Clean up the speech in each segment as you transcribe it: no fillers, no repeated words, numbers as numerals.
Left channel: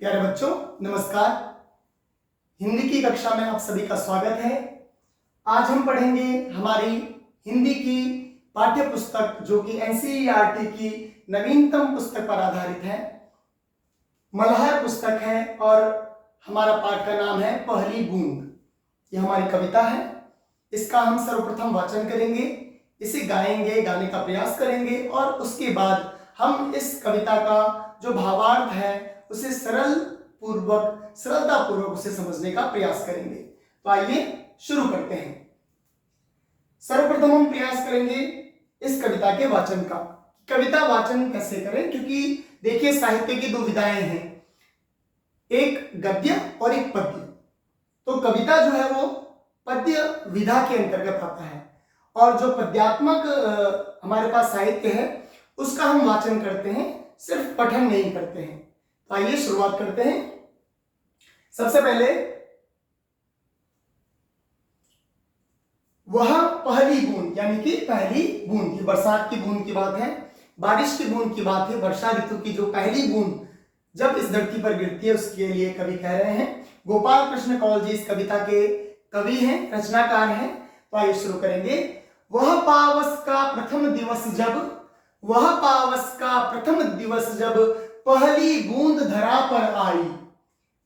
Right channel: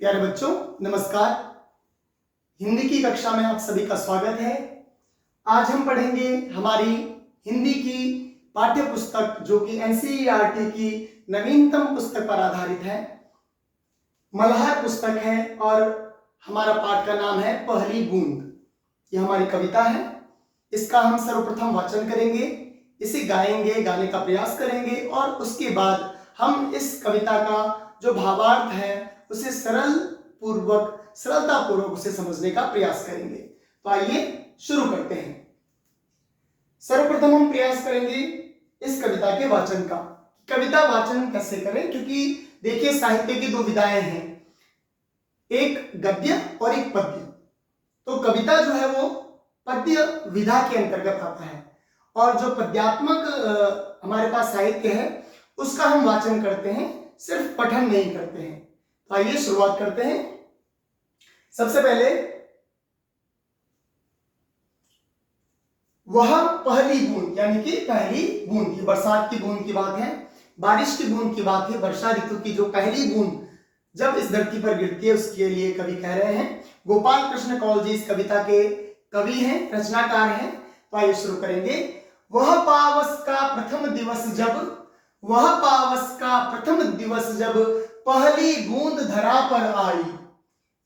प्यारे बच्चों नमस्कार। हिंदी की कक्षा में आप सभी का स्वागत है। आज हम पढ़ेंगे हमारी हिंदी की पाठ्य पुस्तक जो कि एनसीईआरटी की नवीनतम पुस्तक पर आधारित है। मल्हार पुस्तक है और हमारा पाठ का नाम है पहली बूंद। यह हमारी कविता है। इसका हम सर्वप्रथम वाचन करेंगे, इसे गाएंगे, गाने का प्रयास करेंगे और उसके बाद हम इस कविता का जो भावार्थ है उसे सरलता पूर्वक उसे समझने का प्रयास करेंगे। तो आइए शुरू करते हैं। सर्वप्रथम हम प्रयास करेंगे इस कविता के वाचन का। कविता वाचन कैसे करें, क्योंकि देखिए साहित्य की दो विधाएं हैं, एक गद्य और एक पद्य। तो कविता जो है वो पद्य विधा के अंतर्गत आता है और जो पद्यात्मक हमारे पास साहित्य है उसका हम वाचन करते हैं, सिर्फ पठन नहीं करते हैं। तो आइए शुरुआत करते हैं। सबसे पहले वह पहली बूंद, यानी कि पहली बूंद, ये बरसात की बूंद की बात है, बारिश की बूंद की बात है। वर्षा ऋतु की जो पहली बूंद जब इस धरती पर गिरती है उसके लिए कवि कह रहे हैं। गोपाल कृष्ण कौल जी इस कविता के कवि हैं, रचनाकार हैं। तो आइए शुरू करेंगे। वह पावस का प्रथम दिवस जब, वह पावस का प्रथम दिवस जब पहली बूंद धरा पर आई,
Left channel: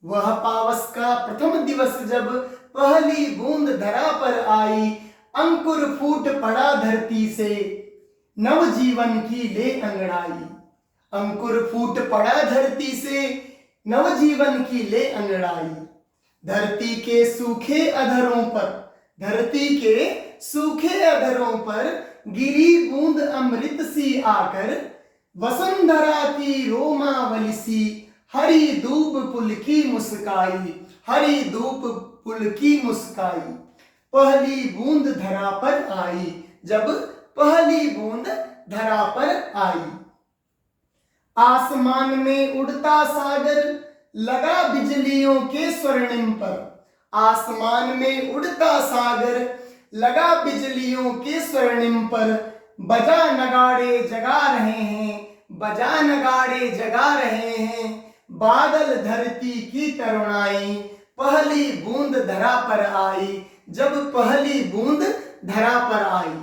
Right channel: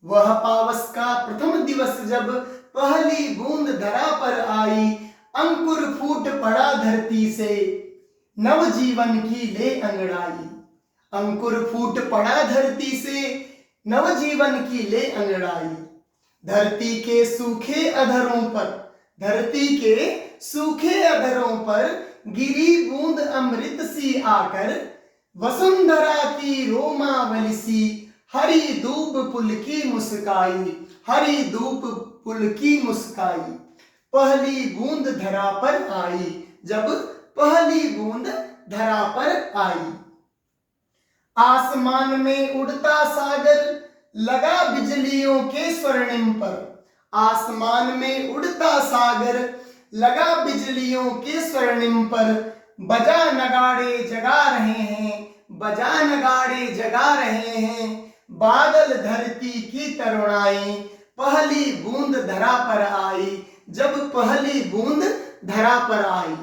वह पावस का प्रथम दिवस जब पहली बूंद धरा पर आई, अंकुर फूट पड़ा धरती से नव जीवन की ले अंगड़ाई, अंकुर फूट पड़ा धरती से नव जीवन की ले अंगड़ाई, धरती के सूखे अधरों पर, धरती के सूखे अधरों पर गिरी बूंद अमृत सी आकर, वसुंधरा की रोमावली सी हरी धूप पुल की मुस्काई, हरी धूप पुल की मुस्काई, पहली बूंद धरा पर आई, जब पहली बूंद धरा पर आई। आसमान में उड़ता सागर लगा बिजलियों के स्वर्णिम पर, आसमान में उड़ता सागर लगा बिजलियों के स्वर्णिम पर, बजा नगाड़े जगा रहे हैं, बजा नगाड़े जगा रहे हैं, बादल धरती की तरुणाई, पहली बूंद धरा पर आई, जब पहली बूंद धरा पर आई।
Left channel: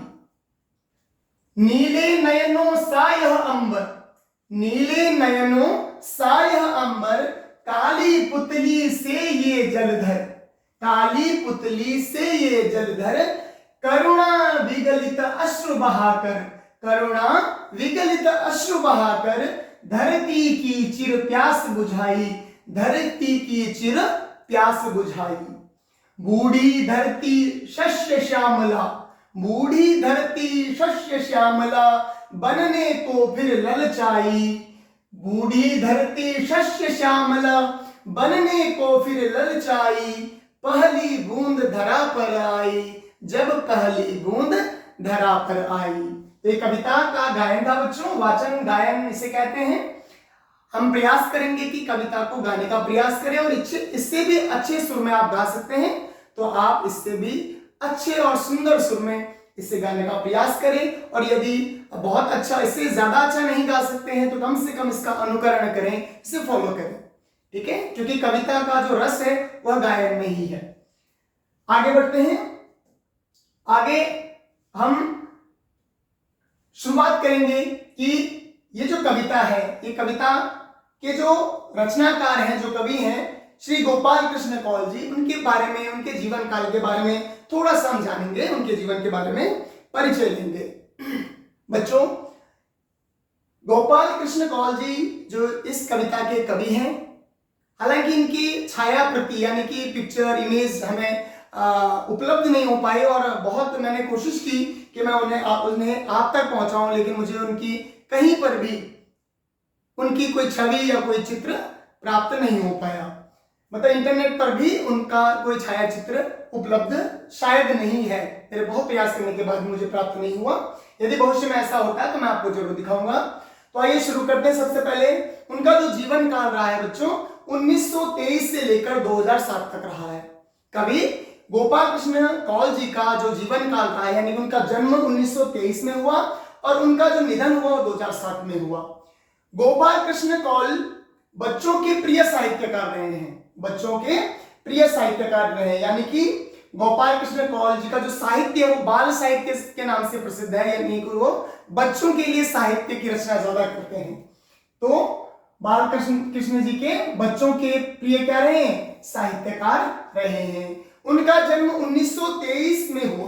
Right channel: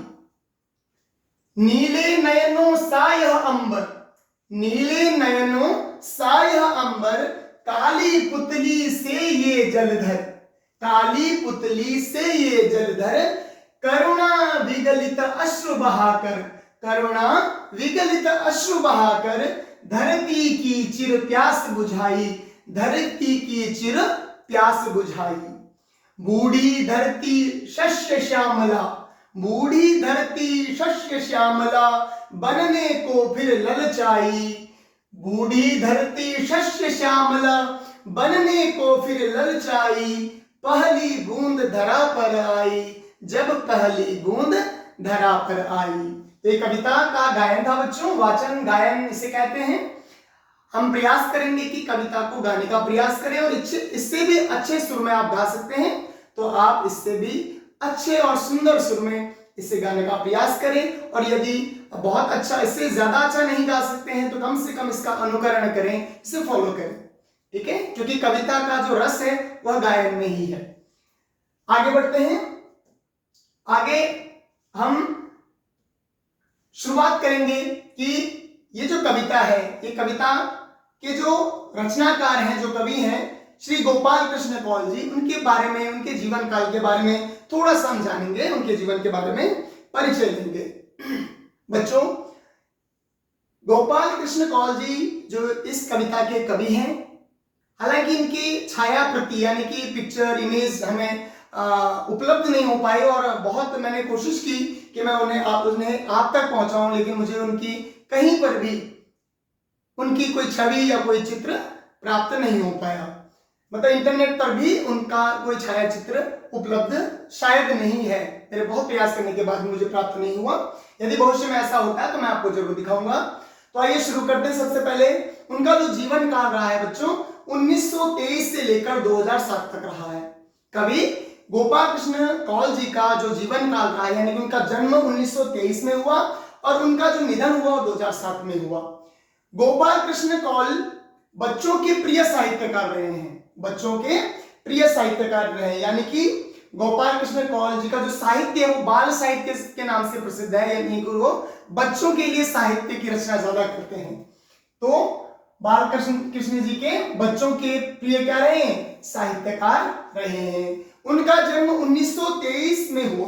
नीले नयनों सा यह अंबर, नीले नयनों सा यह अंबर, काली पुतली से ये जलधर, काली पुतली से ये जलधर, करुणा विगलित अश्रु बहाकर, करुणा विगलित अश्रु बहाकर, धरती की चिर प्यास बुझाई, धरती की चिर प्यास बुझाई। बूढ़ी धरती शस्य श्यामला, बूढ़ी धरती शस्य श्यामला, बनने को फिर ललचाई, बूढ़ी धरती शस्य श्यामला, बनने को फिर ललचाई, पहली बूंद धरा पर आई, जब पहली बूंद धरा पर आई। तो ये कविता का गायन था बच्चों, वाचन गायन इसे कहते हैं। हम प्रयास करेंगे कि कविता को गाने का प्रयास करें और इससे भी अच्छे सुर में आप गा सकते हैं तो आप इससे भी अच्छे और सुंदर सुर में इसे गाने का प्रयास करें, और यदि बहुत अच्छा, इससे ज्यादा अच्छा नहीं गा सकते हैं तो कम से कम इसका अनुकरण करें, इसे फॉलो करें, ठीक है, क्योंकि कविता का जो रस है वह गायन में ही है। आगे बढ़ते हैं। आगे हम शुरुआत करेंगे कि ये जो कविता है, ये कविता के जो रचनाकार हैं, जो कवि हैं श्री गोपाल कृष्ण कौल जी, उनके बारे में, उनके जीवन काल के बारे में थोड़ा सा हम जानेंगे, उनके जीवन के बारे में परिचय लेंगे। बच्चों, गोपाल कृष्ण कौल जी जो इस कविता के कवि हैं, हालांकि इनकी छाया प्रति यानी कि पिक्चर इमेज हमें उपलब्ध नहीं हो पाए और बहुत मैंने कोशिश की कि मैं उन्हें आप तक पहुंचाऊं, लेकिन मुझे उनकी कहीं पर भी उनकी कोई छवि या कोई चित्र प्राप्त नहीं हो पाया। मतलब इंटरनेट पर भी उनका कोई छाया चित्र उपलब्ध शायद नहीं है। मेरे बहुत प्रयास करने के बाद मुझे प्राप्त नहीं हुआ। यदि भविष्य में ऐसा होता है तो मैं आपको जरूर दिखाऊंगा। तो आइए शुरू करते हैं। सबसे पहले उनका जो जीवन काल रहा है बच्चों, 1923 से लेकर 2007 तक रहा है। कवि गोपाल कृष्ण कौल जी का जो जीवन काल रहा है, यानी कि उनका जन्म 1923 में हुआ और उनका जो निधन हुआ 2007 में हुआ। गोपाल कृष्ण कौल बच्चों के प्रिय साहित्यकार रहे हैं, बच्चों के प्रिय साहित्यकार रहे हैं। यानी कि गोपाल कृष्ण कौल जी का जो साहित्य है वो बाल साहित्य के नाम से प्रसिद्ध है, यानी कि वो बच्चों के लिए साहित्य की रचना ज्यादा करते हैं। तो बाल कृष्ण जी के बच्चों के प्रिय क्या रहे हैं, साहित्यकार रहे हैं। उनका जन्म 1923 में हुआ।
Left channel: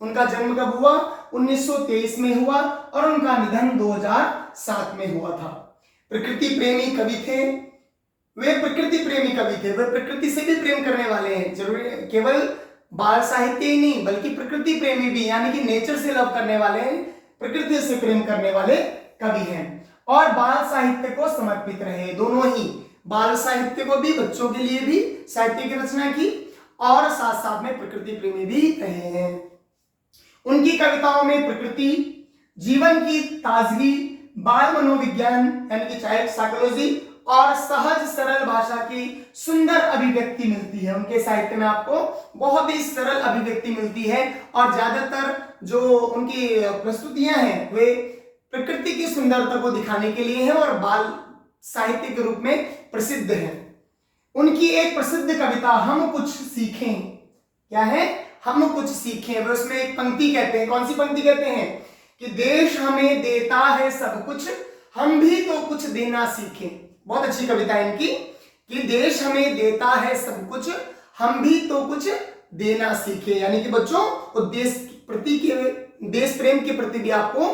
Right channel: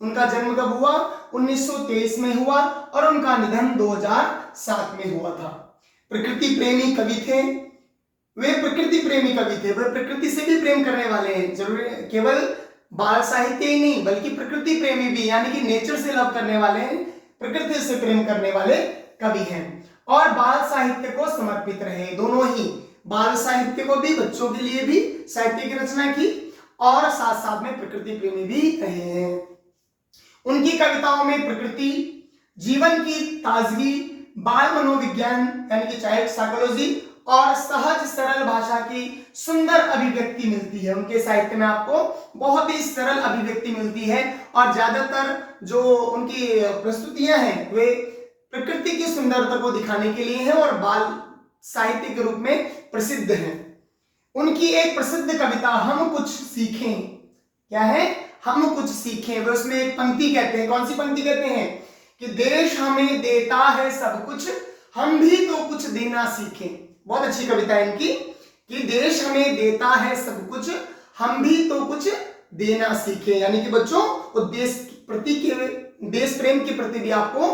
उनका जन्म कब हुआ, 1923 में हुआ, और उनका निधन 2007 में हुआ था। प्रकृति प्रेमी कवि थे, वे प्रकृति प्रेमी कवि थे, वे प्रकृति से भी प्रेम करने वाले हैं। जरूरी केवल बाल साहित्य ही नहीं बल्कि प्रकृति प्रेमी भी, यानी कि नेचर से लव करने वाले, प्रकृति से प्रेम करने वाले कवि हैं। और बाल साहित्य को समर्पित रहे, दोनों ही, बाल साहित्य को भी, बच्चों के लिए भी साहित्य की रचना की, और साथ साथ में प्रकृति प्रेमी भी रहे हैं। उनकी कविताओं में प्रकृति, जीवन की ताजगी, बाल मनोविज्ञान यानी कि चाइल्ड साइकोलॉजी, और सहज सरल भाषा की सुंदर अभिव्यक्ति मिलती है। उनके साहित्य में आपको बहुत ही सरल अभिव्यक्ति मिलती है, और ज्यादातर जो उनकी प्रस्तुतियां हैं वे प्रकृति की सुंदरता को दिखाने के लिए हैं और बाल साहित्य के रूप में प्रसिद्ध है। उनकी एक प्रसिद्ध कविता हम कुछ सीखें, क्या है, हम कुछ सीखें, वे उसमें एक पंक्ति कहते हैं, कौन सी पंक्ति कहते हैं, कि देश हमें देता है सब कुछ, हम भी तो कुछ देना सीखें। बहुत अच्छी कविता है इनकी, कि देश हमें देता है सब कुछ, हम भी तो कुछ देना सीखें। यानी कि बच्चों को देश प्रति के, देश प्रेम के प्रति भी आपको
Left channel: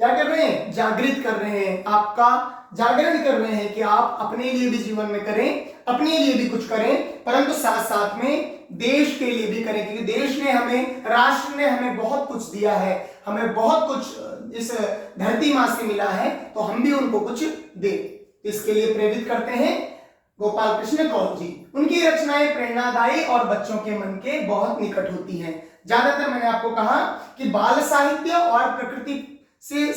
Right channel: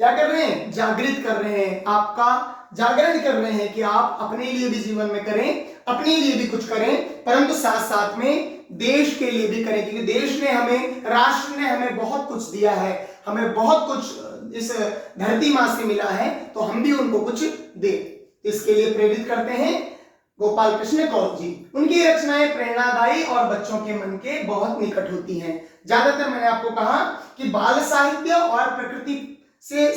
क्या कर रहे हैं, जागृत कर रहे हैं, आपका जागरण कर रहे हैं कि आप अपने लिए भी जीवन में करें, अपने लिए भी कुछ करें, परंतु साथ साथ में देश के लिए भी करें, क्योंकि देश ने हमें, राष्ट्र ने हमें बहुत कुछ दिया है, हमें बहुत कुछ इस धरती माँ से मिला है, तो हम भी उनको कुछ दें। इसके लिए प्रेरित करते हैं गोपाल कृष्ण कौल जी। उनकी रचनाएं प्रेरणादायी और बच्चों के मन के बहुत निकट होती हैं। ज्यादातर मैंने आपको कहा कि बाल साहित्य और प्रकृति से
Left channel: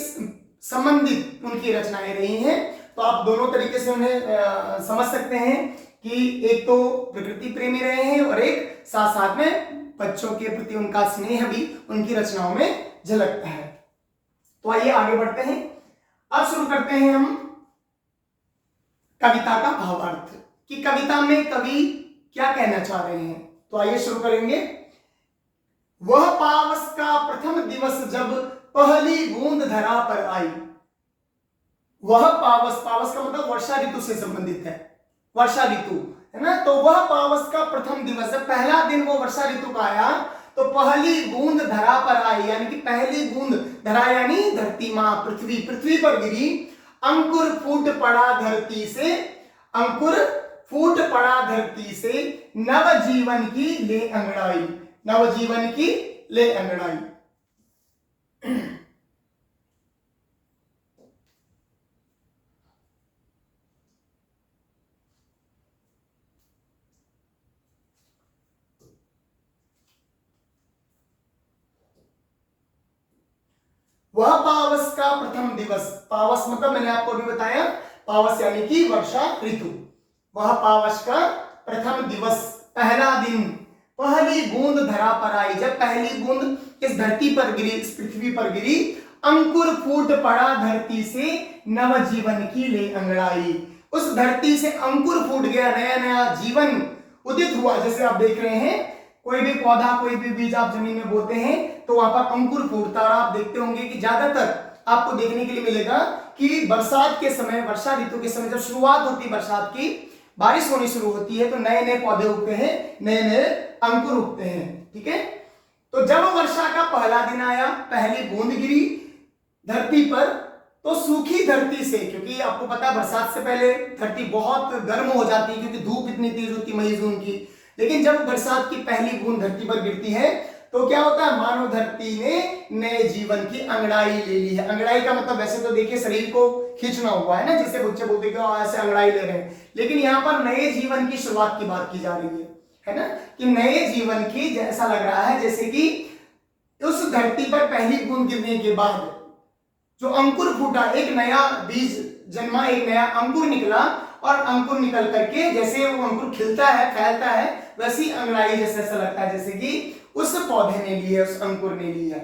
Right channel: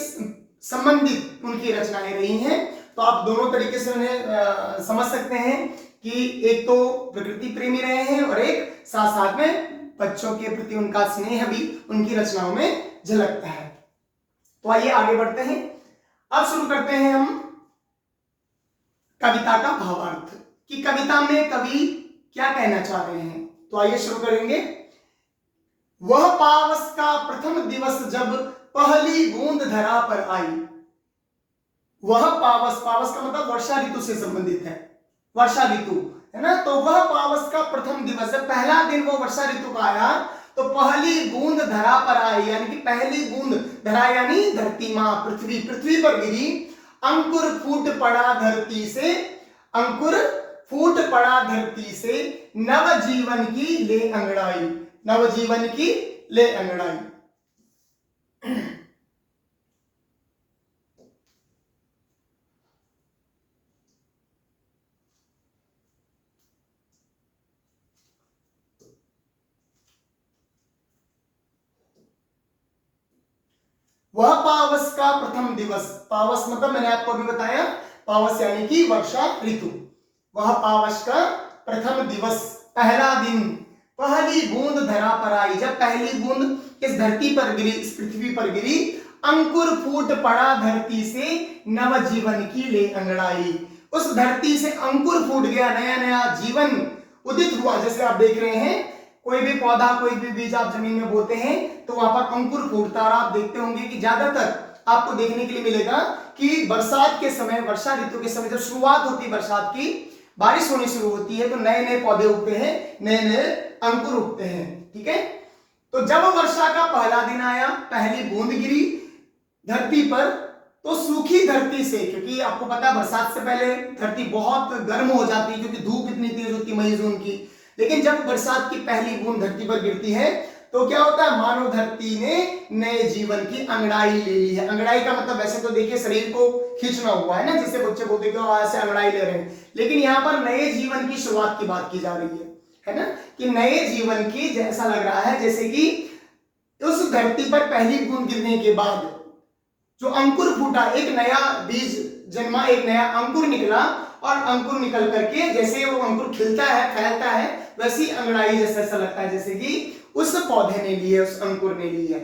संबंधित उनकी रचनाएं रही हैं, तो आप दोनों तरीके से उन्हें समझ सकते हैं कि एक तो प्रकृति प्रेमी रहे हैं और एक साथ साथ में बच्चों के प्रति उनका स्नेह भी उनकी रचनाओं में झलकता है। तो आइए आगे बढ़ते हैं। अब शुरू करते हैं हम कविता का भावार्थ, कि कविता में कवि क्या कहना चाह रहे हैं। तो आइए शुरू करेंगे। वह पावस का प्रथम दिवस जब पहली बूंद धरा पर आई। वह पावस, पावस का मतलब वर्षा ऋतु से संबंधित है, वर्षा ऋतु है ना। तो वह पावस का प्रथम दिवस, जब पहला दिन वो वर्षा ऋतु का आया, तो पहली बूंद धरा पर आई, यानी कि पहली बूंद, धरा यानी धरती मां, पृथ्वी, पृथ्वी पर गिरी। अंकुर फूट पड़ा धरती से, अंकुर फूट पड़ा धरती से, नव जीवन की ले अंगड़ाई, नव जीवन की ले अंगड़ाई। वह पावस का प्रथम दिवस, पावस मतलब मैंने आपको अभी बताया, पावस यानी कि वर्षा ऋतु। वह पावस का प्रथम दिवस, पहला दिन, पहली बूंद धरा पर आई, जब पहली बूंद इस धरती पर गिरी, इस पृथ्वी पर गिरी। अंकुर फूट पड़ा धरती से, नव जीवन की ले अंगड़ाई, उस धरती से अंकुर फूट गया, नया नया जीवन उदित हुआ। जैसे आप देख रहे हैं कोई भी पौधा, कोई भी बीज आप जमीन में बोते हैं तो वहां पर अंकुर फूटता, और आप देखते होंगे कि ज्यादातर आपको देखने के लिए मिलेगा कि बरसात के समय, वर्षा ऋतु के समय जब शुरुआत होती है बरसात की, बारिश होनी शुरू होती है, तो नए नए पौधे उगते हैं, नए नए अंकुर उगते हैं। ठीक है, तो जब वर्षा का पहला दिन आया, पहली बूंद गिरी धरती पर, तो सूखी धरती से, क्योंकि आपको पता है बरसात से पहले धरती बहुत गर्म हो जाती है क्योंकि धूप इतनी तेज होती है मई जून की, लेकिन जब बरसात की पहली बूंद धरती पर गिरती है तो क्या होता है, मानव धरती ने नए जीवन की अंगड़ाई ले ली है। अंगड़ाई का मतलब वैसे तो देखिए शरीर को खींचना हुआ है ना, जिससे बच्चे बोलते हैं ऐसे अंगड़ाई ले रहे हैं, लेकिन यहाँ पर नए जीवन की शुरुआत की बात की जा रही है ना, कि नए जीवन की, जैसा लग रहा है जैसे कि उस धरती पर पहली बूंद गिरने के बाद जो अंकुर फूटा, एक नया बीज जन्मा, एक नया अंकुर निकला, और अंकुर निकल करके जैसे वो अंकुर खिलता है, फैलता है, वैसी अंगड़ाई जैसे ऐसा लगता है जैसे कि उस पौधे ने ली है, उस अंकुर ने ली है।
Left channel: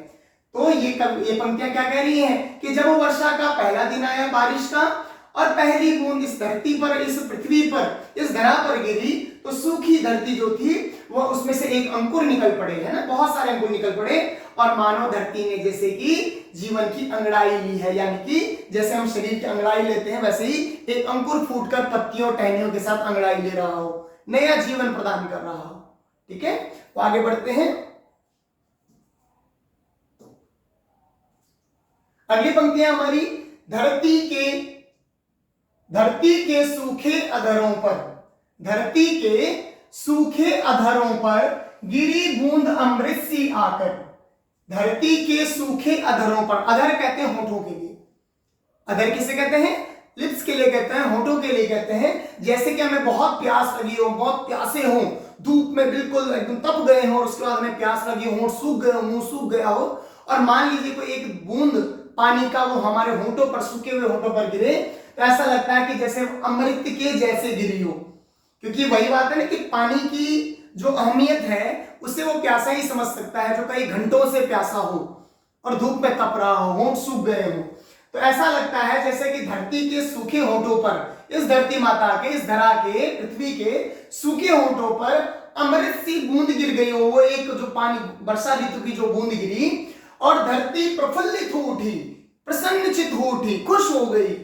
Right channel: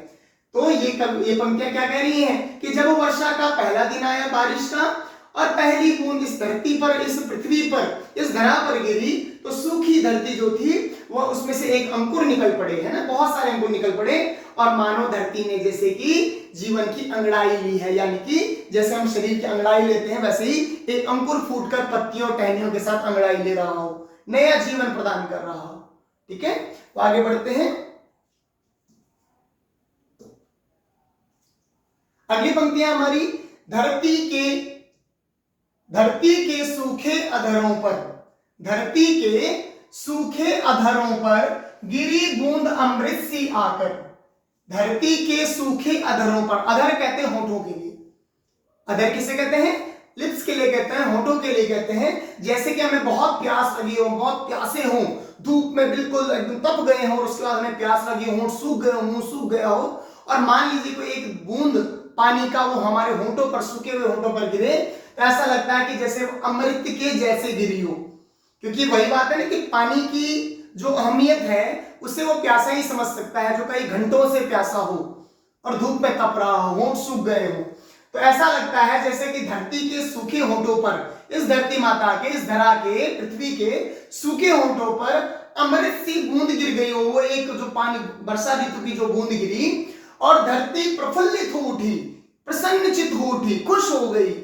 तो ये पंक्तियां क्या कह रही हैं कि जब वर्षा का पहला दिन आया बारिश का, और पहली बूंद इस धरती पर, इस पृथ्वी पर, इस धरा पर गिरी तो सूखी धरती जो थी वह उसमें से एक अंकुर निकल पड़े, है ना, बहुत सारे अंकुर निकल पड़े और मानो धरती ने जैसे कि जीवन की अंगड़ाई ली है, यानी कि जैसे हम शरीर की अंगड़ाई लेते हैं वैसे ही एक अंकुर फूटकर पत्तियों टहनियों के साथ अंगड़ाई ले रहा हो, नया जीवन प्रदान कर रहा हो। ठीक है, तो आगे बढ़ते हैं। अगली पंक्तियां हमारी, धरती के सूखे अधरों पर, धरती के सूखे अधरों पर गिरी बूंद अमृत सी आकर। धरती के सूखे अधरों पर, अधर कहते हैं होठों के लिए, अधर किसे कहते हैं, लिप्स के लिए कहते हैं, होठों के लिए कहते हैं। जैसे कि हमें बहुत प्यास लगी हो, बहुत प्यासे हो, धूप में बिल्कुल एकदम तप गए हो और उसके बाद हमें प्यास लगी, होंठ सूख गए हो, मुंह सूख गया हो और मान लीजिए कोई एक बूंद पानी का वो हमारे होठों पर, सूखे हुए होठों पर गिरे तो ऐसा लगता है कि जैसे अमृत के जैसे गिरी हो, क्योंकि वही बात है ना कि पानी की जो अहमियत है उसे वो प्यासा ही समझ सकता है जो कई घंटों से प्यासा हो और धूप में तप रहा हो, होंठ सूख गए हो। तो ऐसा लगता है जैसे कि धरती के सूखे होठों पर, इस धरती माता के, इस धरा के, पृथ्वी के सूखे होठों पर अमृत सी बूंद गिर गई हो। वो एक जो पानी, वर्षा ऋतु की जो बूंद गिरी और धरती प्रफुल्लित हो उठी, प्रसन्नचित हो उठी, खुश हो गई।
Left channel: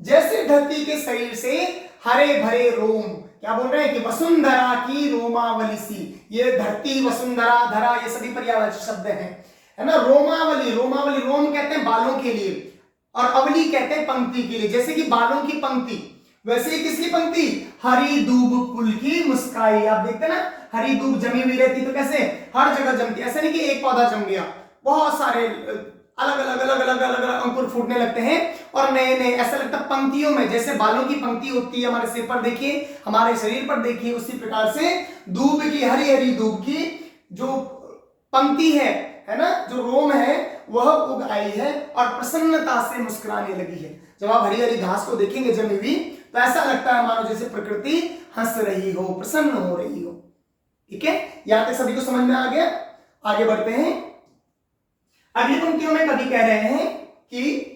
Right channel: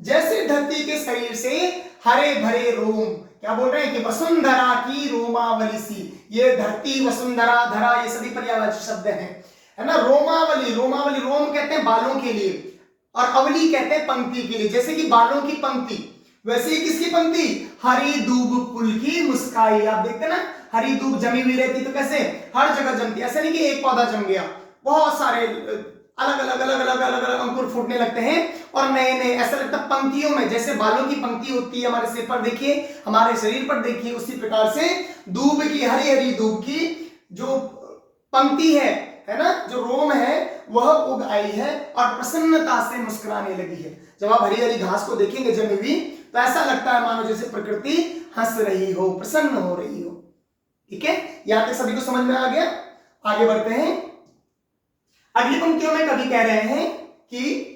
जैसे धरती के शरीर से हरे भरे रोम, क्या बोल रहे हैं कि वसुंधरा की रोमावली सी, ये धरती, वसुंधरा, धरा, ये सभी पर्यायवाची शब्द हैं, है ना। रोमावली, रोमावली, रोम कहते हैं बालों के लिए और अवली कहते हैं पंक्ति के लिए। जैसे कि बालों की पंक्ति, वैसे ही किसकी पंक्ति, हरी दूब पुल की मुस्काई। आप देखते ना, हरी दूब जमी हुई रहती तो कैसे हर जगह जमती, ऐसा नहीं कि एक पौधा जम गया, बहुत सारे अलग अलग अलग अलग अलग अलग अंकुर फूटने लगते हैं और नए नए, ऐसा लगता है पंक्तियों में, जैसे बालों की पंक्ति होती है हमारे सिर पर देखिए, हमारे शरीर पर देखिए, उसी प्रकार से दूब की, हरी हरी दूब की जो पंक्ति है ना, जो रोम है वह उग आई है और प्रसन्नता से मुस्कुराने लगी है। जब आप हरी हरी घास को देखेंगे जमी हुई तो ऐसा लगता है मानो जैसे प्रकृति हंस रही हो, प्रसन्न हो रही हो। ठीक है, यहां तक सभी को समझ में आ गया। आगे बढ़ते हैं। अगली पंक्तियों में कवि कह रहे हैं कि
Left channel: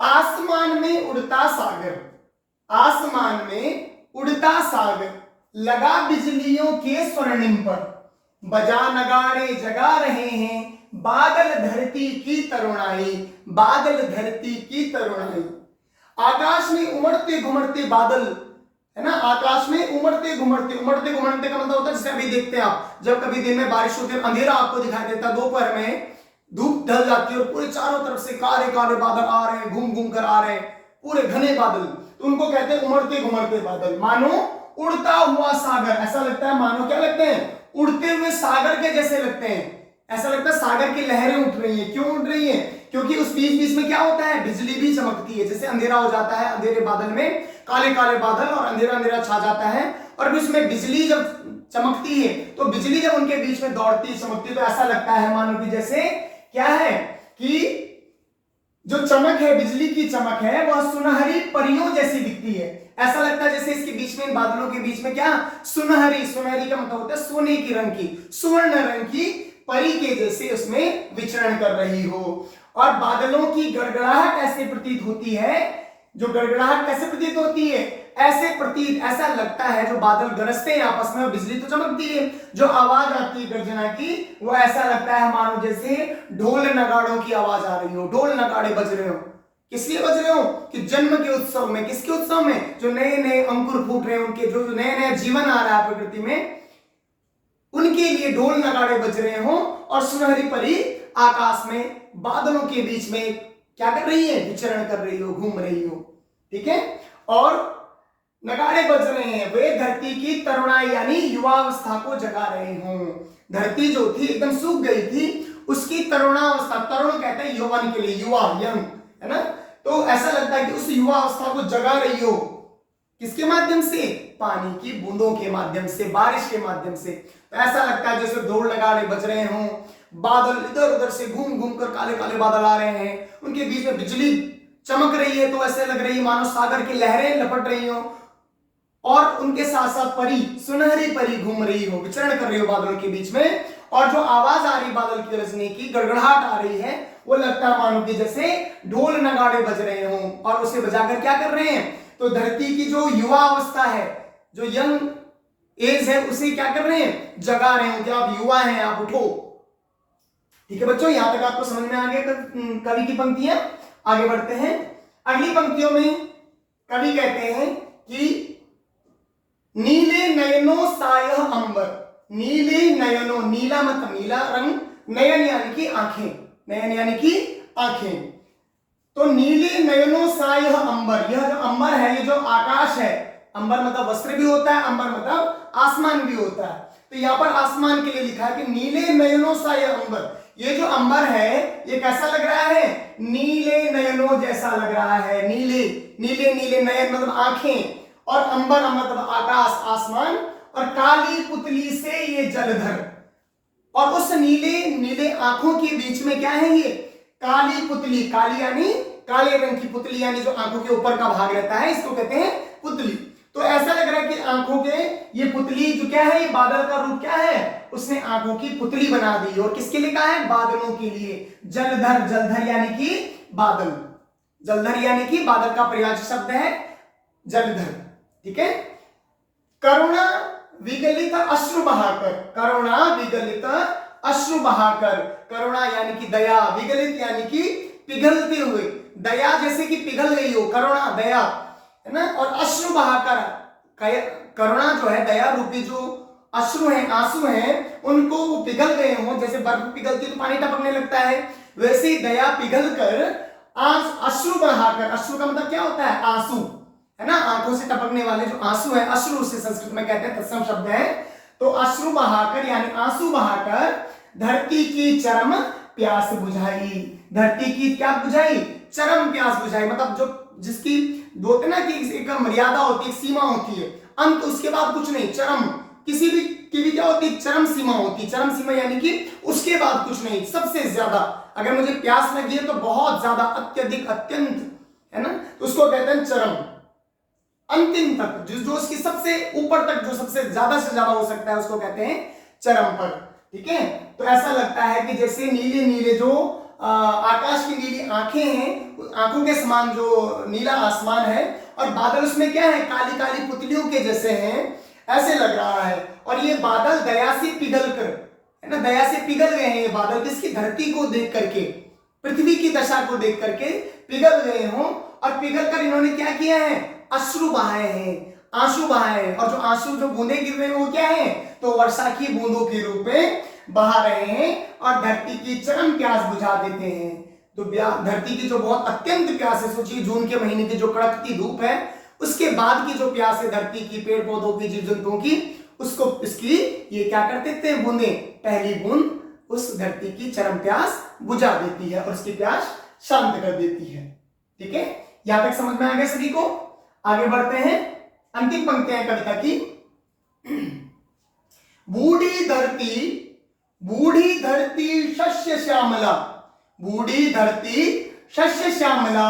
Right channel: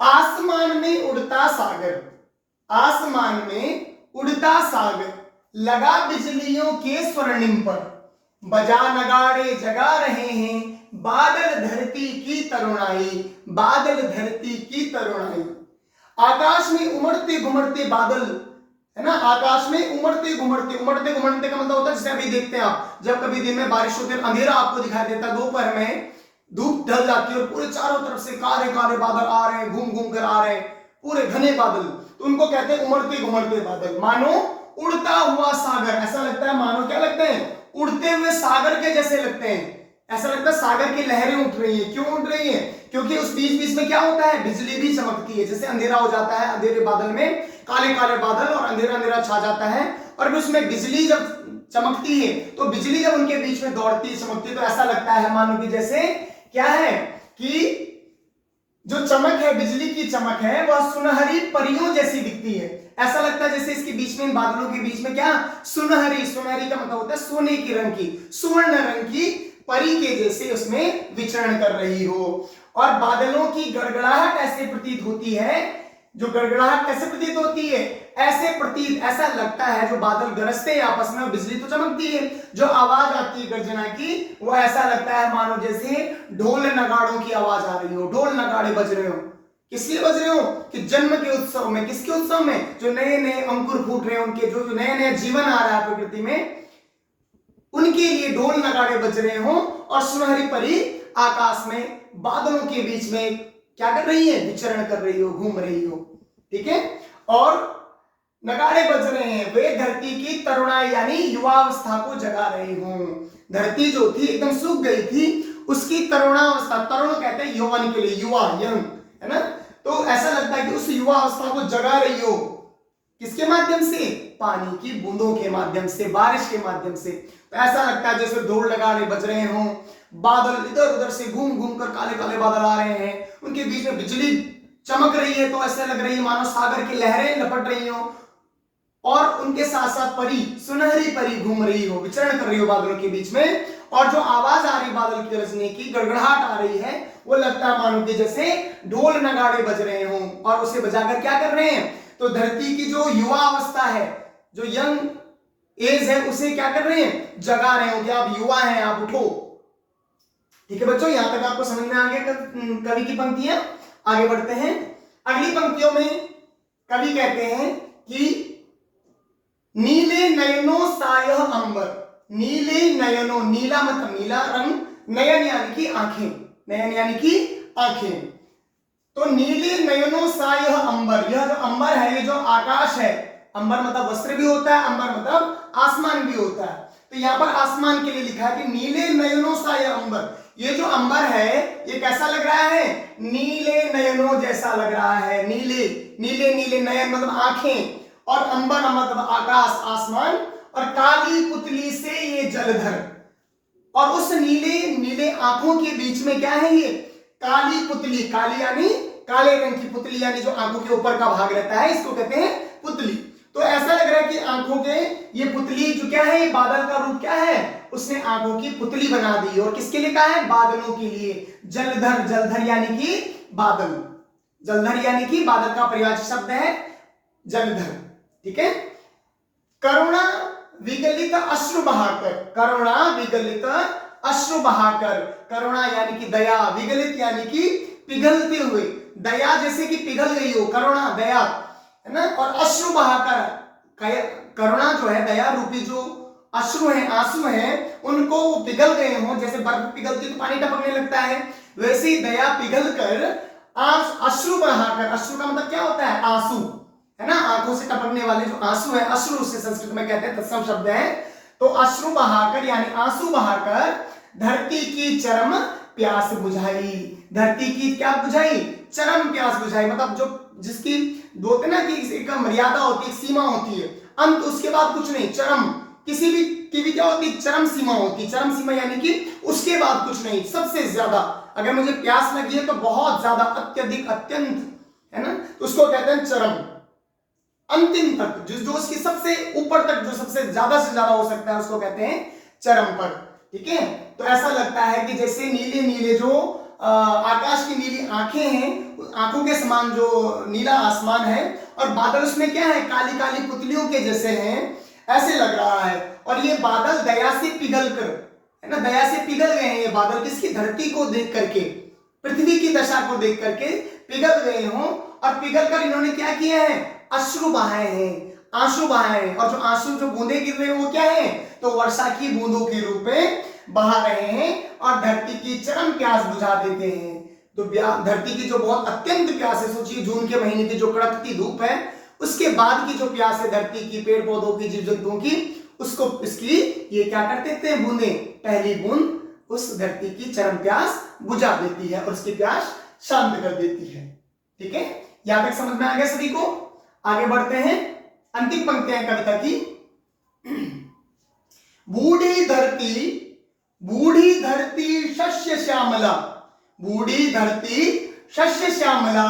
आसमान में उड़ता सागर, आसमान में उड़ता सागर लगा बिजलियों के स्वर्णिम पर, बजा नगाड़े जगा रहे हैं बादल धरती की तरुणाई, बादल धरती की तरुणाई। आकाश में उमड़ते घुमड़ते बादल, है ना, आकाश में उमड़ते घुमड़ते, उमड़ते घुमड़ते का मतलब होता है जैसे अभी देखते हैं आप, जब कभी दिन में बारिश होती है अंधेरा आपको दिखाई देता, दोपहर में धूप ढल जाती है और पूरे चारों तरफ से काले काले बादल आ रहे हैं, घूम घूम कर आ रहे हैं, पूरे घने बादल, तो उनको कहते हैं उमड़ते घुमड़ते बादल। मानो उड़ता हुआ सागर, ऐसा लगता है मानो क्या लगते हैं, उड़ते हुए सागर के जैसे लगते हैं, ऐसा लगता है सागर की लहरें उठ रही हैं। क्यों उठ रही हैं, क्योंकि उस बीच बीच में क्या होता है, बिजली भी चमकती है। जैसे अंधेरा हो जाता है, अंधेरे बादल में काले काले बादल और अंधेरा अंधेरा छा जाता है और उसमें बिजली जब चमकती है तो बिजली जब उनके बीच में दौड़ती चमकती तो ऐसा लगता है मानो कि जैसे क्या है कि जो चमक है, बिजली की चमक है, वह सुनहरी परियों जैसी दिखती है। ऐसा लगता है जैसे इसके बीच में, बादलों के बीच में क्या सुनहरी, सुनहरी का मतलब होता है सोने की रंग की, सुवर्ण रंग की परी के जैसे उसमें विचरण कर रही हो। और बादलों की गड़गड़ाहट ऐसे प्रतीत होती है, जो गड़गड़ाहट कैसे प्रतीत होती है, ऐसे प्रतीत, ऐसा लगता है जो बादल गरजते हैं आपस में, बिजली तो चमकती है, जो आवाज आती है गर्जना की, वो ऐसा लगता है मानो जैसे ढोल नगाड़ों की आवाज आ रही हो, ढोल नगाड़े बज रहे हो। किस लिए बज रहे हो, कि जन्म के उत्सव में, किसके उत्सव में, जो नए नए अंकुर फूट रहे हैं, उनके जो नए नए जीवन आ रहा है प्रकृति में, उनके लिए ढोल नगाड़े बज रहे हो और सुनहरी परी आकाश में बादलों के बीच में क्या कर रही है, विचरण कर रही हो, घूम रही हो। ठीक है, और नगाड़े बज रहे हैं, वे धरती की तरुणाई यानी युवावस्था को जगा रहे हों। धरती जो थी एकदम सूख गई थी, उसकी तरुणावस्था, तरुण कहते हैं यौवन के लिए, युवा, यंग, है ना, तो ऐसा लगता है कि उस युवा अवस्था को जगा रही हो। किसके माध्यम से, पानी की बूंदों के माध्यम से, बारिश के माध्यम से। तो ऐसा लगता है जैसे ढोल नगाड़े बज रहे हों, बादल इधर उधर से घूम घूम कर काले काले बादल आ रहे हैं, उनके बीच में बिजली चमक रही है, तो ऐसे लग रही है मानो सागर की लहरें लपट रही हो और उनके साथ साथ परी, सुनहरी परी घूम रही हो, विचरण कर रही हो बादलों के बीच में। और जो आवाज आ रही बादल की गरजने की, गड़गड़ाहट आ रही है, वो लगता है मानो कि जैसे ढोल नगाड़े बज रहे हों, और उसे बजाकर क्या कर रहे हैं, तो धरती की जो युवा अवस्था है, जो यंग एज है, उसे क्या कर रहे हैं, जगा रहे हो कि आप युवा हैं, आप उठो। ठीक है बच्चों, यहां तक आपको समझ में आ गया कवि की पंक्तियां। आगे बढ़ते हैं, अगली पंक्तियों में कवि कहते हैं कि नीले नयनों सायह अंबर, नीले नयनों, नीला मतलब नीला रंग, नयन यानी कि आंखें, नयन यानी कि आंखें, तो नीले नयनों सायह अंबर, यह जो अंबर है, ये जो आकाश है, अंबर मतलब वस्त्र भी होता है, अंबर मतलब आसमान भी होता है, तो यहाँ पर आसमान के लिए लिखा है कि नीले नयनों सायह अंबर, ये जो अंबर है ये कैसा लग रहा है, नीले नयनों जैसा लग रहा है, नीले, नीले नीले, नयन मतलब आंखें, और अंबर मतलब आकाश, आसमान, और काली पुतली से ये जलधर, और उस नीले नीले आंखों के बीच में क्या है, ये काली पुतली, काली यानी काले रंग की, पुतली यानी जो आंखों के ऊपर का भाग रहता है, इसको कहते हैं पुतली। तो ऐसा लग रहा है कि आंखों के ये पुतली जो क्या है, बादल का रूप क्या है, उसने आंखों की पुतली बना दी, और किसके लिए कहा है, बादलों के लिए। जलधर, जलधर यानी कि बादल, जलधर यानी कि बादल का प्रयास शब्द है जलधर। ठीक है, करुणा विगलित अश्रु बहाकर, करुणा विगलित अश्रु बहाकर, करुणा यानी कि दया, विगलित यानी कि पिघलते हुए, दया जैसे कि पिघल गई हो, करुणा दया है ना, और अश्रु बहाकर, करुणा जो है, दया रूपी जो अश्रु है, आंसू हैं, उनको पिघल गए हो, जैसे बर्फ पिघलती तो पानी टपकने लगता है, वैसे ही दया पिघल कर अश्रु बहाकर, अश्रु का मतलब क्या होता है, आंसू है ना, आंखों से टपकने वाले जो आंसू है, अश्रु उसे संस्कृत में कहते हैं, तत्सम शब्द है, तो अश्रु बहाकर यानी आंसू बहाकर धरती की चरम प्यास बुझाई, धरती की क्या बुझाई, चरम प्यास बुझाई, मतलब जो जिसकी बोलते ना कि एक मर्यादा होती है, सीमा होती है, अंत उसके बाद कुछ नहीं, चरम, किसी भी की भी क्या होती है, चरम सीमा होती है, चरम सीमा यानी कि उसके बाद कुछ नहीं, सबसे ज्यादा, अगर मुझे प्यास लगी है तो बहुत ज्यादा, अत्यधिक, अत्यंत, है ना, तो उसको कहते हैं चरम, अंतिम तक, जो उसकी सबसे ऊपर तक, जो सबसे ज्यादा से ज्यादा हो सकता है, उसको कहते हैं चरम पर। ठीक है, तो ऐसा लगता है कि जैसे नीले नीले जो आकाश की नीली आंखें हैं, आंखों के समान जो नीला आसमान है, और बादल उसमें क्या है, काली काली पुतलियों के जैसे हैं, ऐसे लग रहा है, और ये बादल दया से पिघल कर, है ना, दया से पिघल गए हैं ये बादल, किसकी, धरती को देख करके, पृथ्वी की दशा को देख करके पिघल गए हों, और पिघल कर इन्होंने क्या किया है, अश्रु बहाए हैं, आंसू बहाए हैं, और जो आंसू जो बूंदे गिर रहे हैं वो क्या है, तो वर्षा की बूंदों के रूप में बहा रहे हैं, और धरती की चरम प्यास बुझा देते हैं। तो धरती की जो बहुत अत्यंत प्यास है, सोचिए जून के महीने की जो कड़कती धूप है, उसके बाद की जो प्यास है धरती की, पेड़ पौधों की, जीव जंतुओं की, उसको इसकी ये क्या कर देते हैं, बूंदे, पहली बूंद उस धरती की चरम प्यास बुझा देती है, और उसकी प्यास शांत कर देती है। ठीक है, यहां तक समझ में आ गया सभी को। आगे बढ़ते हैं, अंतिम पंक्तियां कविता की। बूढ़ी धरती शस्य श्यामला, बूढ़ी धरती शस्य श्यामला,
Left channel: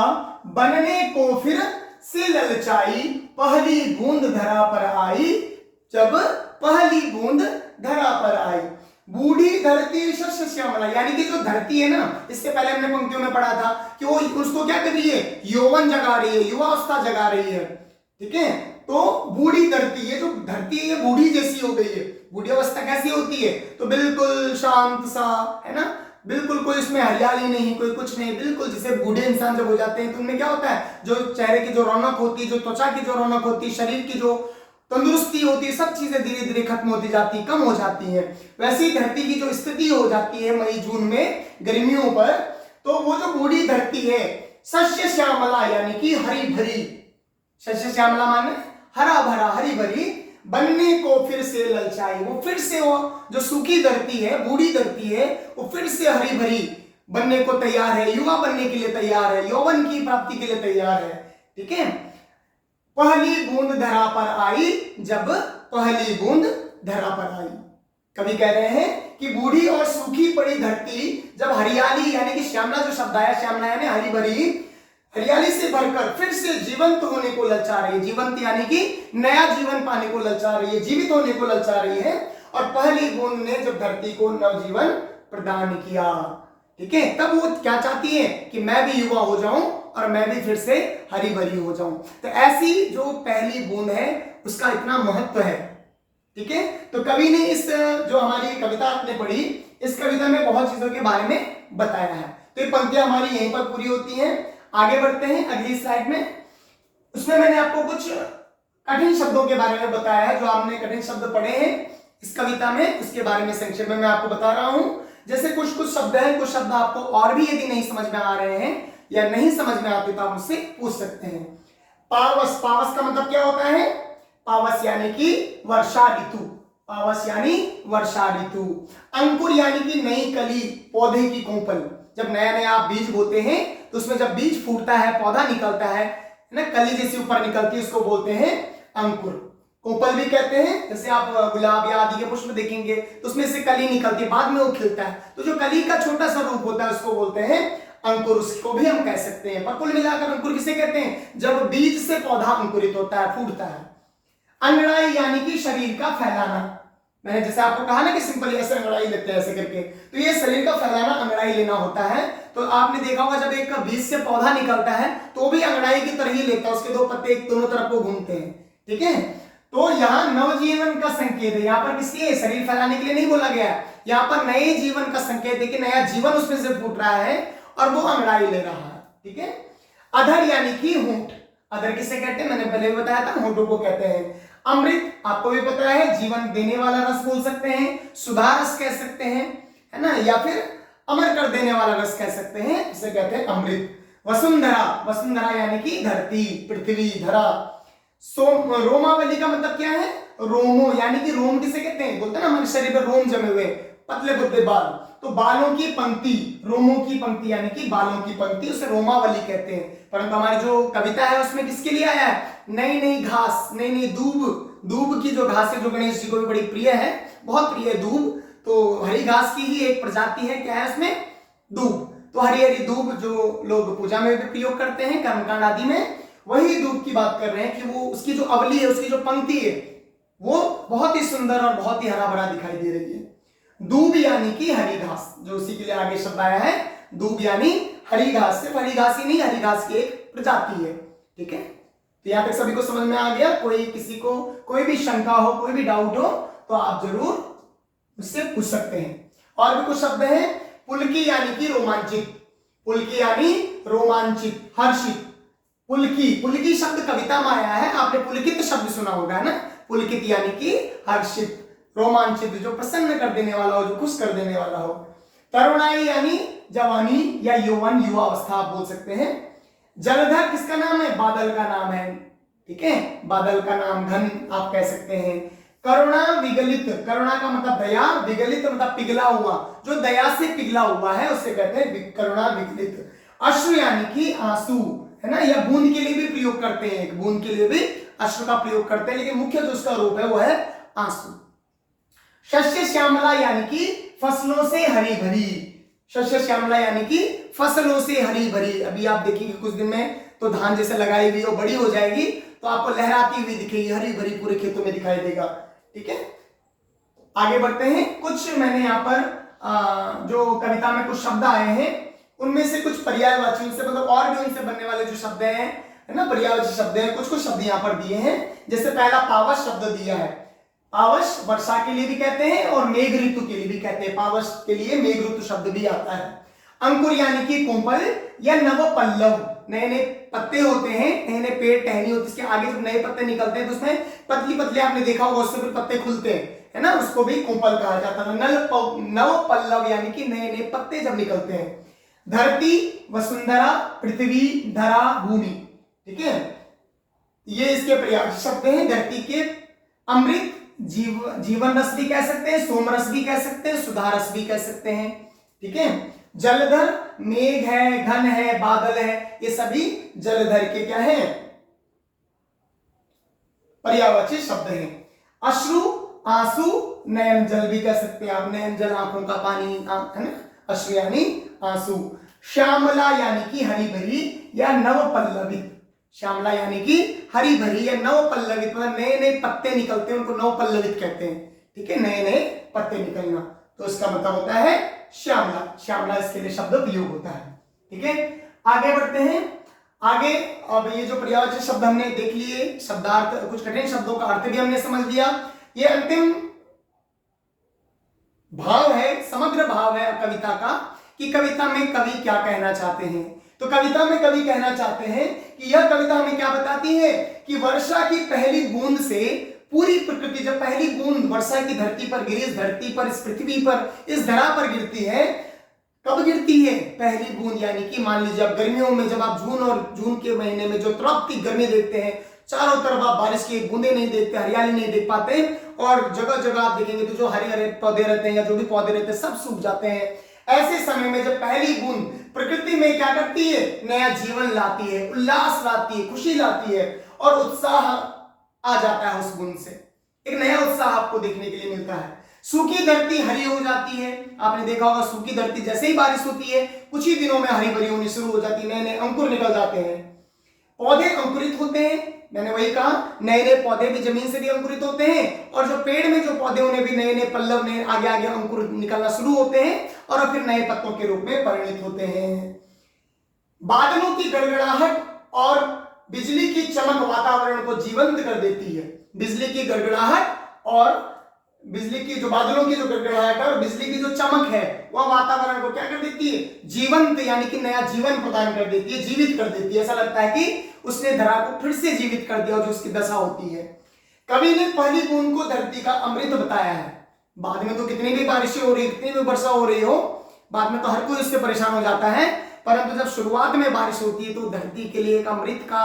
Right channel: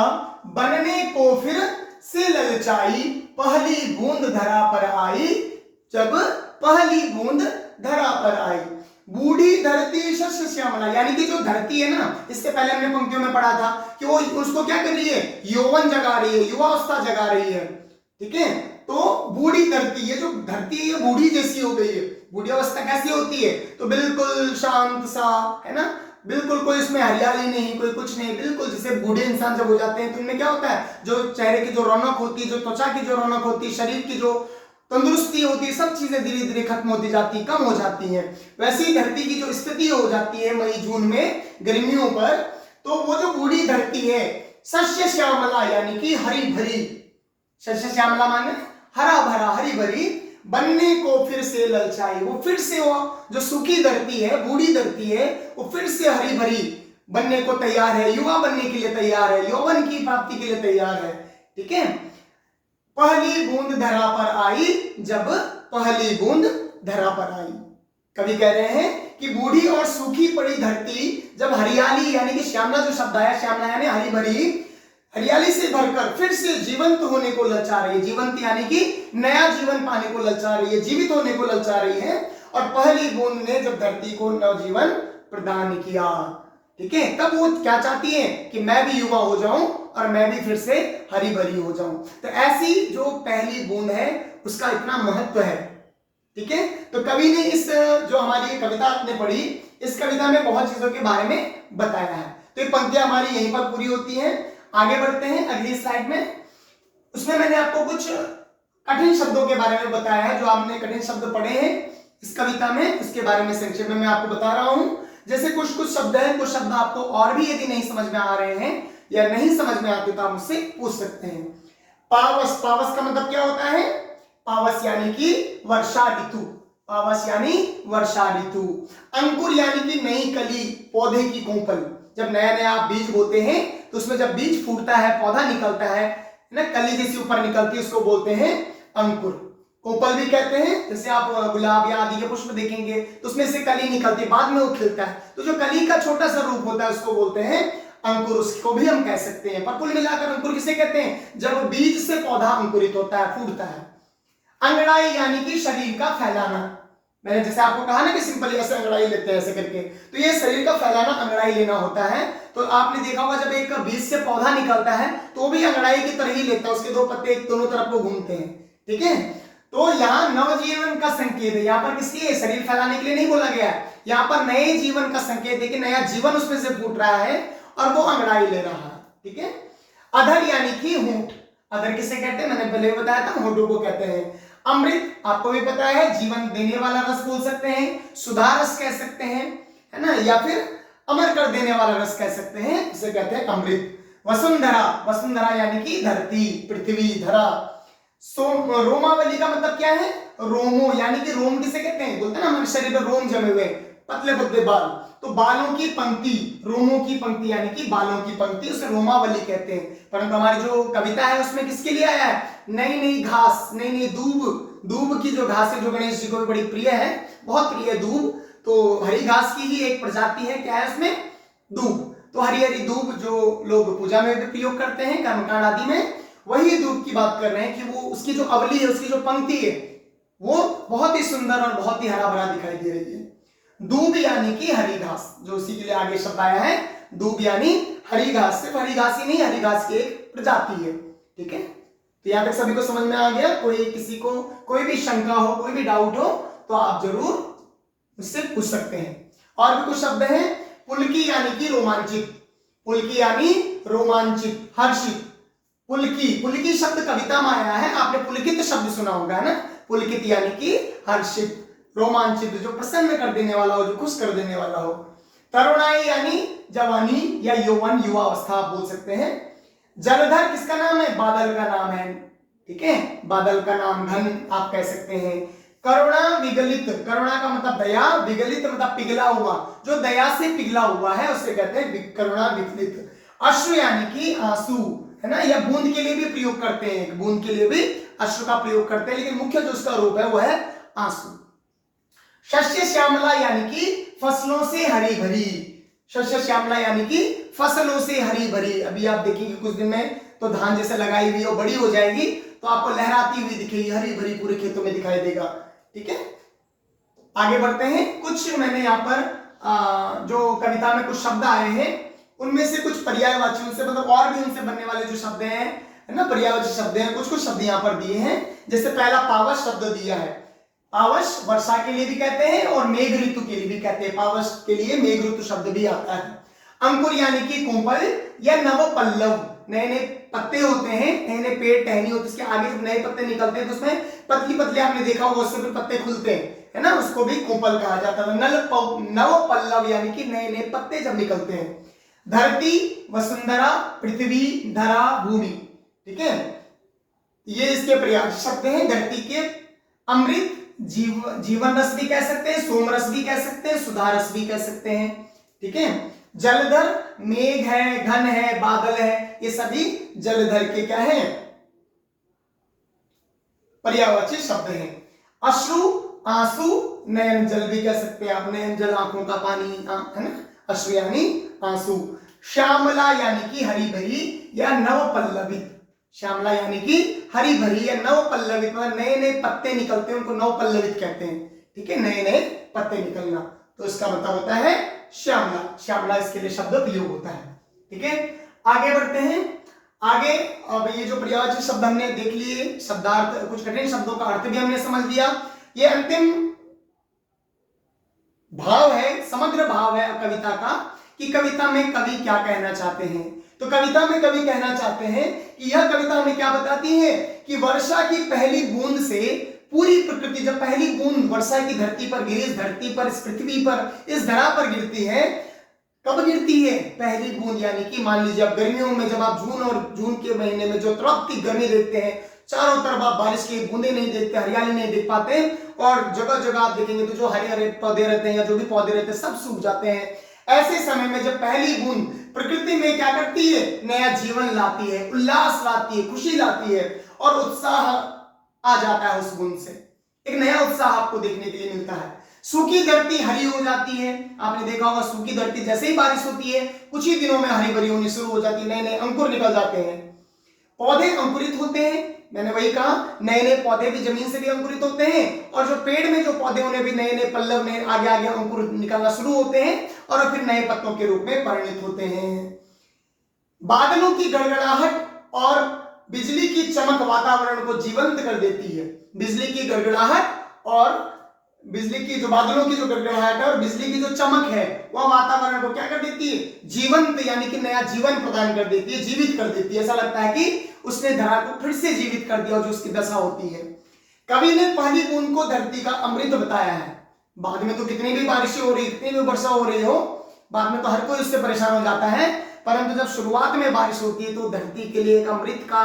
बनने को फिर से ललचाई, पहली बूंद धरा पर आई, जब पहली बूंद धरा पर आई। बूढ़ी धरती शस्य श्यामला, यानी कि जो धरती है ना, इससे पहले हमने पंक्तियों में पढ़ा था कि वो उसको क्या कर रही है, यौवन जगा रही है, युवावस्था जगा रही है। ठीक है, तो बूढ़ी धरती, ये जो धरती है ये बूढ़ी जैसी हो गई है। बूढ़ी अवस्था कैसी होती है, तो बिल्कुल शांत सा, है ना, बिल्कुल कोई इसमें हरियाली नहीं, कोई कुछ नहीं, बिल्कुल जैसे बूढ़े इंसान जब हो जाते हैं तो उनमें क्या होता है, जो चेहरे की जो रौनक होती है, जो त्वचा की जो रौनक होती है, शरीर की जो तंदुरुस्ती होती है, सब चीजें धीरे धीरे खत्म होती जाती, कम हो जाती हैं। वैसे ही धरती की जो स्थिति हो जाती है मई जून में गर्मियों पर, तो वो जो बूढ़ी धरती है, शस्य श्यामला यानी कि हरी भरी, शस्य श्यामला माने हरा भरा, हरी भरी, बनने को फिर से ललचाई, वो फिर से, वो जो सूखी धरती है, बूढ़ी धरती है, वो फिर से हरी भरी बनने को तैयार है, युवा बनने के लिए तैयार है, यौवन की प्राप्ति के लिए तैयार है। ठीक है, पहली बूंद धरा पर आई, जब पहली बूंद धरा पर आई। कवि कह रहे हैं कि बूढ़ी और सूखी पड़ी धरती जब हरियाली यानी कि श्यामला, जो शब्द आया श्यामला यानी हरी भरी, हरियाली से भरकर फिर से जीवंत होने को ललचा रही है, जीवंत यानी कि नया जीवन पाने को ललचा रही है, जीवित होने को ललचा रही है, और पहली बूंद ने जब धरती को नवजीवन प्रदान किया। ठीक है। तब वो क्या चाहती है कि मैं भी युवा हो जाऊं और मैं भी फिर से हरी भरी हो जाऊं। तो ऐसी जो पहली बूंद है उसका इतना महत्व है, ठीक है। तो कवि ने इस जो हमारी कविता आपने पढ़ी, इस कविता में बहुत चीजों के बारे में बताया है। तो ये पंक्तियां हमारी यहीं पर पूरी होती हैं। आगे बढ़ते हैं अगली स्लाइड में। उसमें मैंने आपको कुछ कठिन शब्दों के बारे में बताया है, जो आपने कठिन शब्द पढ़े हैं इस कविता में, उसके बारे में संक्षेप में मैं आपको बता रहा हूं। जैसे कुछ कुछ शब्द हैं, कुछ शब्द आपको और भी यदि नहीं समझ में आ रहे हैं या नहीं समझ में आते तो आप मुझसे पूछ सकते हैं। पावस, पावस का मतलब क्या होता है? पावस यानी कि वर्षा ऋतु, पावस यानी वर्षा ऋतु। अंकुर यानी कि नई कली, पौधे की कोंपल। जब नया नया आप बीज बोते हैं तो उसमें जब बीज फूटता है, पौधा निकलता है ना, कली जैसी ऊपर निकलती है, उसको बोलते हैं अंकुर। कोंपल भी कहते हैं, जैसे आप गुलाब या आदि के पुष्प देखेंगे तो उसमें से कली निकलती है, बाद में वो खिलता है, तो जो कली का छोटा सा रूप होता है उसको बोलते हैं अंकुर, उसको भी हम कह सकते हैं। पर कुल मिलाकर अंकुर किसे कहते हैं? जब बीज से पौधा अंकुरित होता है, फूटता है। अंगड़ाई यानी कि शरीर का फैलाना। मैंने जैसे आपको कहा ना कि सिंपल ऐसे अंगड़ाई लेते हैं ऐसे करके, तो ये शरीर का फैलाना अंगड़ाई लेना होता है। तो आपने देखा होगा जब एक बीज से पौधा निकलता है तो भी अंगड़ाई की तरह ही लेता है, उसके दो पत्ते एक दोनों तरफ को घूमते हैं, ठीक है। तो यहाँ नवजीवन का संकेत है, यहाँ पर किसके लिए? शरीर फैलाने के लिए नहीं बोला गया है, यहाँ पर नए जीवन का संकेत है कि नया जीवन उसमें से फूट रहा है और वो अंगड़ाई ले रहा है, ठीक है। अधर यानी कि होंठ, अधर किसे कहते हैं? मैंने पहले बताया था, होंठों को कहते हैं। अमृत आपको भी पता है, जीवन देने वाला रस बोल सकते हैं, सुधा रस कह सकते हैं, है ना, या फिर अमर कर देने वाला रस कह सकते हैं, इसे कहते हैं अमृत। वसुंधरा, वसुंधरा यानी कि धरती, पृथ्वी, धरा। रोमावली का मतलब क्या है? रोमो यानी कि रोम किसे कहते हैं? बोलते हैं ना हमारे शरीर पर रोम जमे हुए, पतले पतले बाल, तो बालों की पंक्ति, रोमों की पंक्ति यानी कि बालों की पंक्ति, उसे रोमावली कहते हैं। परंतु हमारी जो कविता है उसमें किसके लिए आया है? नई नई घास, नई नई दूब, दूब की जो घास है जो गणेश जी को भी बड़ी प्रिय है, बहुत प्रिय है दूब, तो हरी घास की ही एक प्रजाति है, क्या है उसमें? दूब। तो हरी हरी दूब जो लोग पूजा में भी प्रयोग करते हैं, कर्मकांड आदि में, वही दूब की बात कर रहे हैं कि वो उसकी जो अवली है, उसकी जो पंक्ति है, वो बहुत ही सुंदर और बहुत ही हरा भरा दिखाई दे रही है। दूब यानी कि हरी घास, जो उसी के लिए आगे शब्द आया है, दूब यानी हरी घास। सिर्फ हरी घास ही नहीं, हरी घास की एक प्रजाति है, ठीक है। तो यहाँ तक सभी को समझ में आ गया? कोई किसी को कोई भी शंका हो, कोई भी डाउट हो तो आप जरूर मुझसे पूछ सकते हैं। और भी कुछ शब्द हैं। पुलकी यानी कि रोमांचित, पुलकी यानी रोमांचित, हर्षित। पुलकी, पुलकी शब्द कविता में आया है, आपने पुलकित शब्द सुना होगा ना, पुलकित यानी कि हर्षित, रोमांचित, जो प्रसन्न कर देने वाला हो, जो खुश कर देने वाला हो। तरुणाई यानी जवानी या यौवन, युवा अवस्था आप बोल सकते हैं। जलधर किसका नाम है? बादल का नाम है, ठीक है, बादल का नाम, घन आप कह सकते हैं। करुणा विगलित, करुणा का मतलब दया, विगलित मतलब पिघला हुआ, जो दया से पिघला हुआ है उसे कहते हैं करुणा विगलित। अश्रु यानी कि आंसू, है ना, यह बूंद के लिए भी प्रयोग करते हैं, बूंद के लिए भी अश्रु का प्रयोग करते हैं, लेकिन मुख्य जो उसका रूप है वो है आंसू। शस्य श्यामला यानी कि फसलों से हरी भरी, शस्य श्यामला यानी कि फसलों से हरी भरी। अभी आप देखिए कुछ दिन में तो धान जैसे लगाई हुई और बड़ी हो जाएगी तो आपको लहराती हुई दिखेगी, हरी भरी पूरे खेतों में दिखाई देगा, ठीक है। आगे बढ़ते हैं। कुछ मैंने यहाँ पर जो कविता में कुछ शब्द आए हैं उनमें से कुछ पर्यायवाची, उनसे मतलब और भी उनसे बनने वाले जो शब्द हैं, है ना, पर्यायवाची शब्द हैं, कुछ कुछ शब्द यहाँ पर दिए हैं। जैसे पहला पावस शब्द दिया है, पावस वर्षा के लिए भी कहते हैं और मेघ ऋतु के लिए भी कहते हैं, पावस के लिए मेघ ऋतु शब्द भी आता है। अंकुर यानी कि कोमल या नव पल्लव, नए नए पत्ते होते हैं, नए नए पेड़ टहनी होती है, इसके आगे जब नए पत्ते निकलते हैं तो उसमें पतली पतली, आपने देखा होगा, उससे फिर पत्ते खुलते हैं, है ना, उसको भी कोमल कहा जाता है। नव पल्लव यानी कि नए नए पत्ते जब निकलते हैं। धरती, वसुंधरा, पृथ्वी, धरा, भूमि, ठीक है, ये इसके पर्यायवाची शब्द हैं। धरती के अमृत, जीवन रस भी कह सकते हैं, सोम रस भी कह सकते हैं, सुधा रस भी कह सकते हैं, ठीक है। जलधर, मेघ है, घन है, बादल है, ये सभी जलधर के क्या है? पर्यायवाची शब्द हैं। अश्रु, आंसू, नयन जल भी कह सकते हैं आप, नयन जल आंखों का पानी, है ना, अश्रु यानी आंसू। श्यामला यानी कि हरी भरी या नव पल्लवित, श्यामला यानी कि हरी भरी या नव पल्लवित, मतलब नए नए पत्ते निकलते हैं, उनको नव पल्लवित कहते हैं, ठीक है, नए नए पत्ते निकलना। तो इसका मतलब होता है श्यामला। श्यामला इसके लिए शब्द प्रयोग होता है। ठीक है, आगे बढ़ते हैं। आगे अब ये जो पर्यायवाची शब्द हमने देख लिए, शब्दार्थ, कुछ कठिन शब्दों का अर्थ भी हमने समझ लिया। ये अंतिम भाव है, समग्र भाव है कविता का, कि कविता में कवि क्या कहना चाहते हैं। तो कविता में कवि कहना चाहते हैं कि यह कविता हमें क्या बताती है कि वर्षा की पहली बूंद से पूरी प्रकृति, जब पहली बूंद वर्षा की धरती पर गिरी, इस धरती पर, इस पृथ्वी पर, इस धरा पर गिरती है, कब गिरती है? पहली बूंद। यानी कि मान लीजिए अब गर्मियों में जब आप जून के महीने में जो तड़पती गर्मी देखते हैं, चारों तरफ आप बारिश की बूंदे नहीं देखते, हरियाली नहीं देख पाते, और जगह जगह आप देखेंगे तो जो हरे हरे पौधे रहते हैं या जो भी पौधे रहते हैं सब सूख जाते हैं। ऐसे समय में जब पहली बूंद प्रकृति में क्या करती है? नया जीवन लाती है, उल्लास लाती है, खुशी लाती है, और उत्साह आ जाता है उस बूंद से। एक नया उत्साह आपको देखने के लिए मिलता है। सूखी धरती हरी हो जाती है। आपने देखा होगा सूखी धरती जैसे ही बारिश होती है कुछ ही दिनों में हरी भरी होनी शुरू हो जाती है, नए नए अंकुर निकल जाते हैं, पौधे अंकुरित होते हैं। मैंने वही कहा, नए नए पौधे भी जमीन से भी अंकुरित होते हैं, और जो पेड़ में जो पौधे उन्हें भी नए नए पल्लव, नए आगे आगे अंकुर निकलना शुरू होते हैं, और फिर नए पत्तों के रूप में परिणित होते हैं। बादलों की गड़गड़ाहट और बिजली की चमक वातावरण को जीवंत कर देती है। बिजली की गड़गड़ाहट और बिजली की जो बादलों की जो गड़गड़ाहट है और बिजली की जो चमक है वह वातावरण को क्या कर देती है? जीवंत, यानी कि नया जीवन प्रदान कर देती है, जीवित कर देती है। ऐसा लगता है कि उसने धरा को फिर से जीवित कर दिया, जो उसकी दशा होती है। कवि ने पहली बूंद को धरती का अमृत बताया है। बाद में तो कितनी भी बारिशें हो रही, कितनी भी वर्षा हो रही हो, बाद में तो हर कोई उससे परेशान हो जाता है, परंतु जब शुरुआत में बारिश होती है तो धरती के लिए एक अमृत का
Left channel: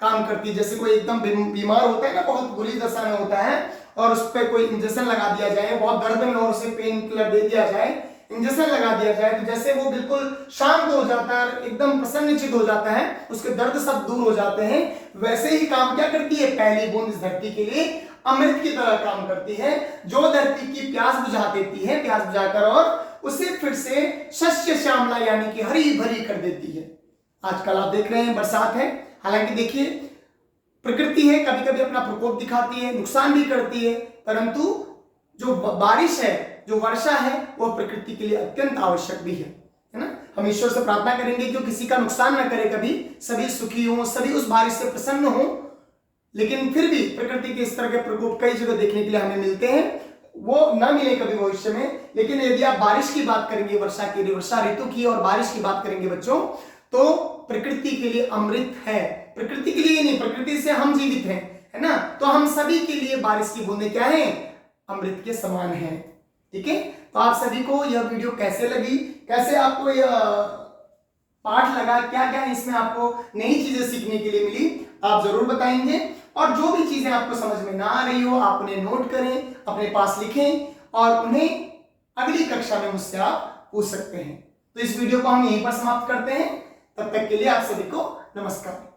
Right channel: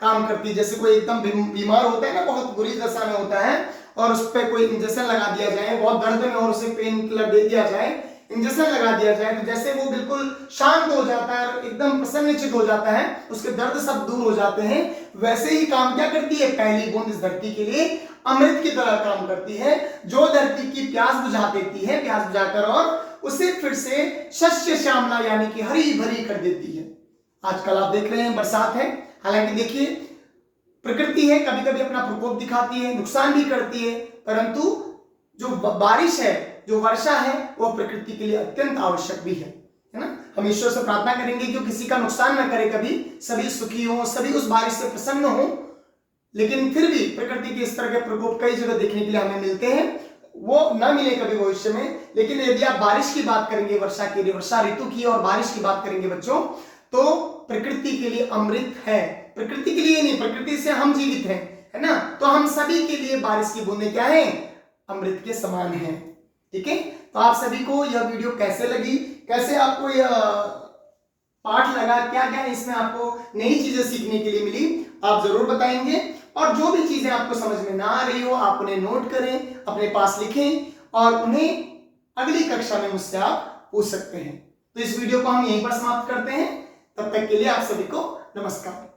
काम करती है। जैसे कोई एकदम बीमार होता है ना, बहुत बुरी दशा में होता है, और उस पर कोई इंजेक्शन लगा दिया जाए, बहुत दर्द में, और उसे पेन किलर दे दिया जाए, इंजेक्शन लगा दिया जाए, तो जैसे वो बिल्कुल शांत हो जाता है, एकदम प्रसन्नचित्त हो जाता है, उसके दर्द सब दूर हो जाते हैं। वैसे ही काम क्या करती है पहली बूंद? इस धरती के लिए अमृत की तरह काम करती है, जो धरती की प्यास बुझा देती है, प्यास बुझाकर और उसे फिर से शस्य श्यामला यानी कि हरी भरी कर देती है। आजकल आप देख रहे हैं बरसात है, हालांकि देखिए प्रकृति है, कभी कभी अपना प्रकोप दिखाती है, नुकसान भी करती है, परंतु जो बारिश है, जो वर्षा है, वो प्रकृति के लिए अत्यंत आवश्यक भी है ना। हम ईश्वर से प्रार्थना करेंगे कि किसी का नुकसान न करे, कभी सभी सुखी हो, सभी उस बारिश से प्रसन्न हो। लेकिन फिर भी प्रकृति के इस तरह के प्रकोप कई जगह देखने के लिए हमें मिलते हैं, वो न मिले कभी भविष्य में। लेकिन यदि आप बारिश की बात करेंगे, वर्षा के लिए, वर्षा ऋतु की और बारिश की बात करेंगे बच्चों, तो प्रकृति के लिए अमृत है। प्रकृति के लिए नहीं, प्रकृति से हम जीवित हैं, है ना। तो हम सभी के लिए बारिश की बूंदें क्या है? अमृत के समान है। ठीक है, तो आप सभी को यह वीडियो कैसे लगी, कैसे आपको यह पाठ लगा, क्या क्या इसमें आपको नई चीजें सीखने के लिए मिली, आप जरूर बताएंगे। और जो भी चीजें आपको समझ में ना आ रही हो, आप उन्हें नोट करें, अपने पास लिखें, और उन्हें अगली कक्षा में मुझसे आप पूछ सकते हैं। तो इस वीडियो को हम यहीं पर समाप्त करते हैं। तब तक के लिए आप सभी को नमस्कार।